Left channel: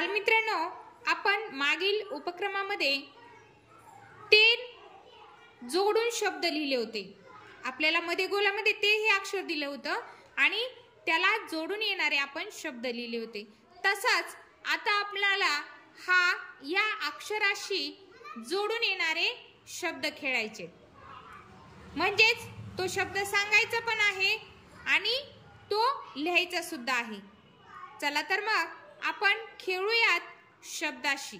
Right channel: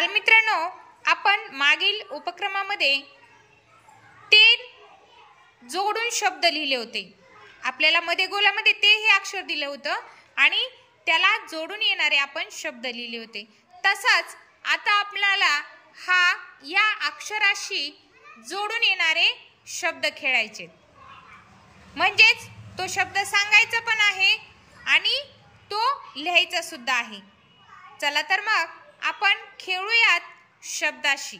बालमित्रांनो, आपण मागील उपक्रमामध्ये 3 जोडून शब्द लिहिले होते। आपल्याला मध्ये गोलामध्ये ते हे अक्षर दिले होतं आणि त्याला जोडून येणारे आपण शब्द लिहिले होते। तसंच आता आपल्याला या अक्षराशी जोडून येणारे शब्द खेळायचे, म्हणजेच तो शब्द सांगायचा पण आहे आणि तो लिहायचा सुद्धा आहे। चला तर मग आपण खेळूयात शब्दाशी।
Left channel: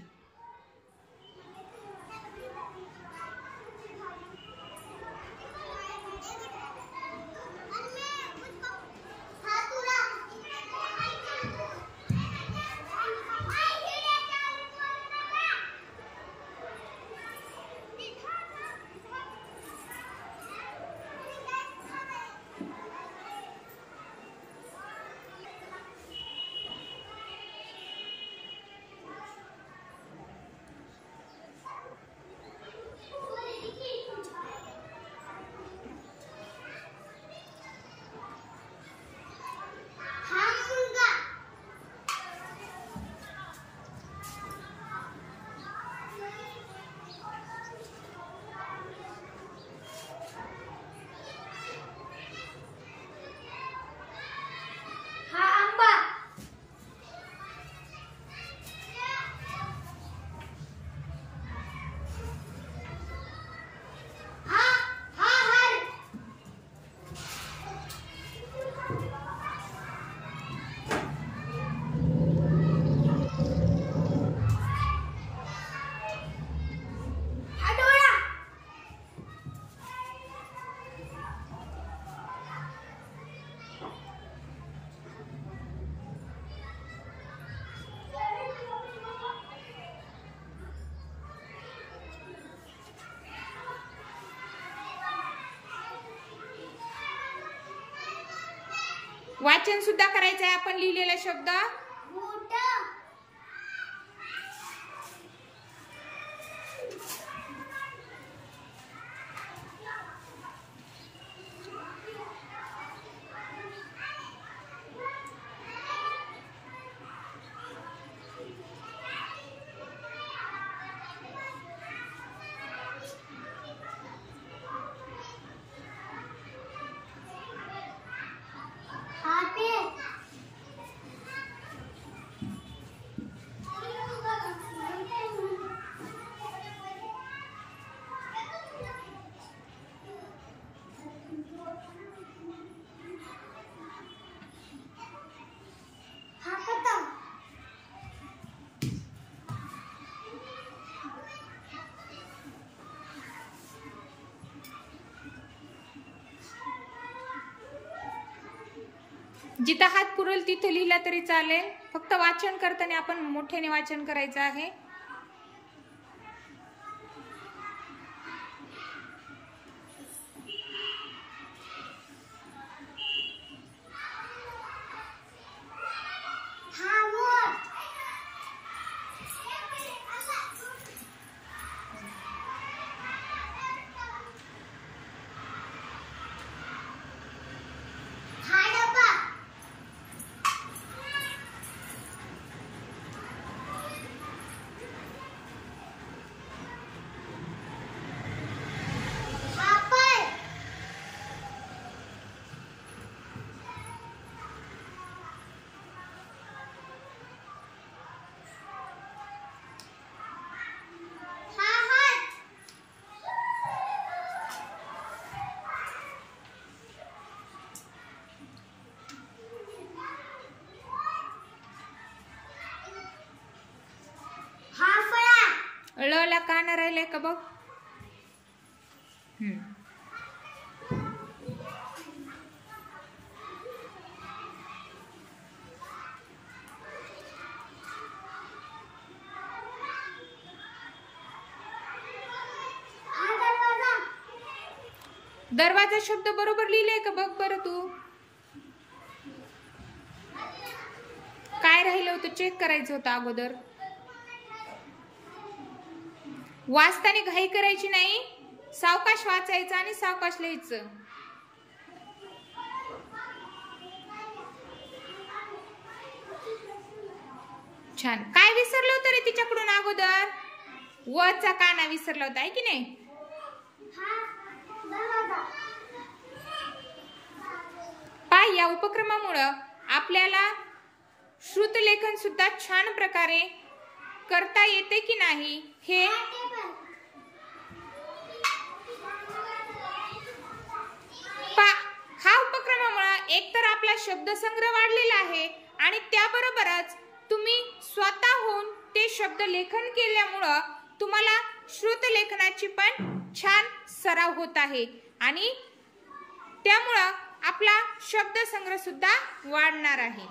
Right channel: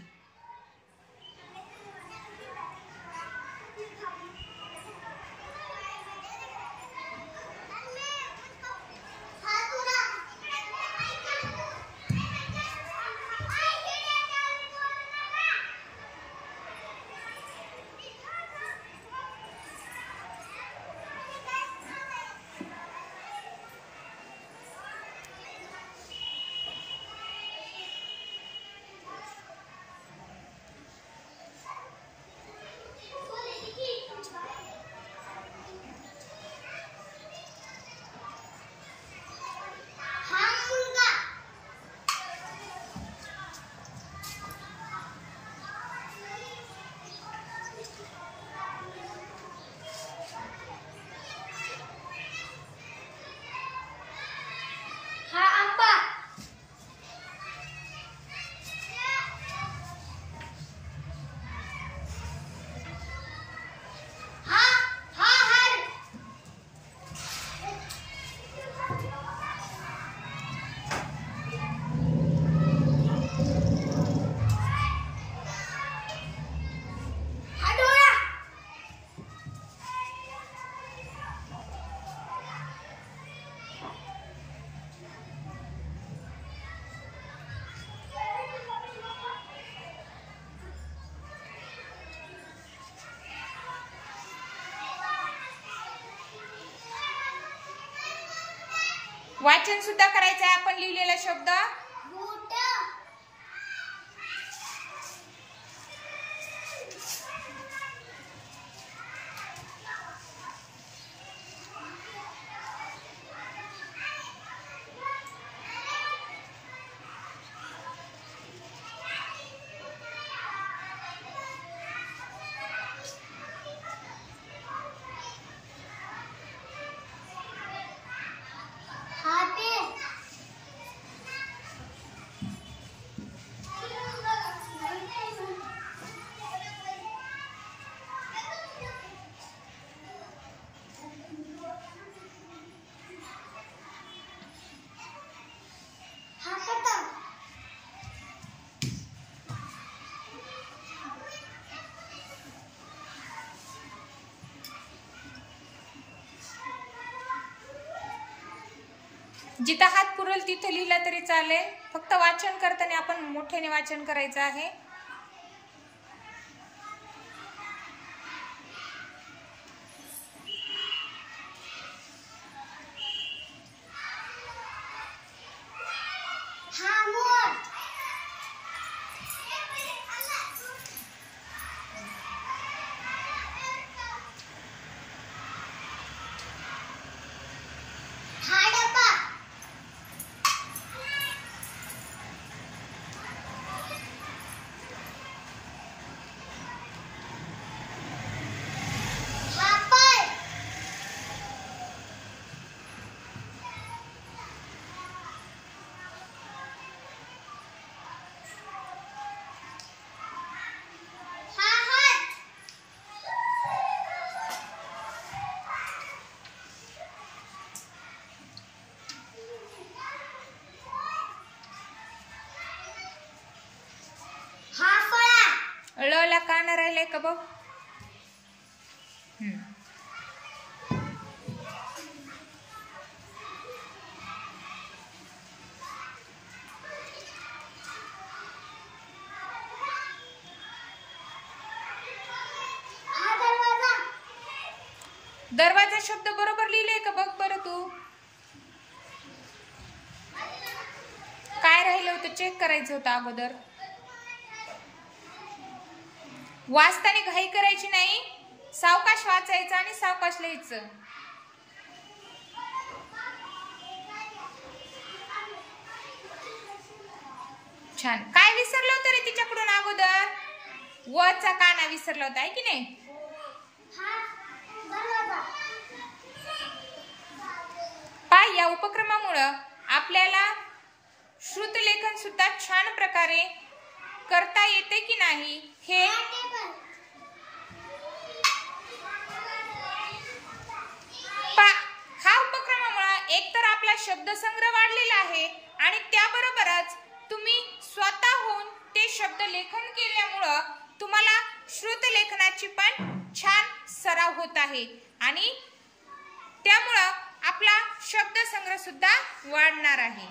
वाचन सुद्धा करायचं आहे आपण लिहिलेला शब्द। जिथं हात पुरेल तिथे लिहिला तरी चालेल, फक्त वाचन करताना आपण मोठ्याने वाचन करायचं आहे। ला कान राहिले का बघ। दरवाजा शब्द बरोबर लिहिलंय का बघ बरं तू। काय राहिलं होतं चेक करायचं होतं अगोदर। वाचताना घाई करायची नाही, सावकाश वाचायचं आणि सावकाश लिहायचं। छान. काय विसरलं होतं रे तिच्याकडून अगोदर? वचा काना विसरला होता, आहे की नाही? पाय या उपक्रमामुळे आपल्याला श्रुतलेखन सुद्धा छान प्रकारे करता येते की नाही हे हा उपक्रमामुळे एकतर आपला शब्दसंग्रह वाढलेला आहे आणि त्याबरोबरच तुम्ही स्वतःहून ते शब्द लेखन केल्यामुळे तुम्हाला श्रुतलेखनाची पण छान सराव होत आहे आणि त्यामुळे आपला शब्दसंग्रह सुद्धा वाढणार आहे.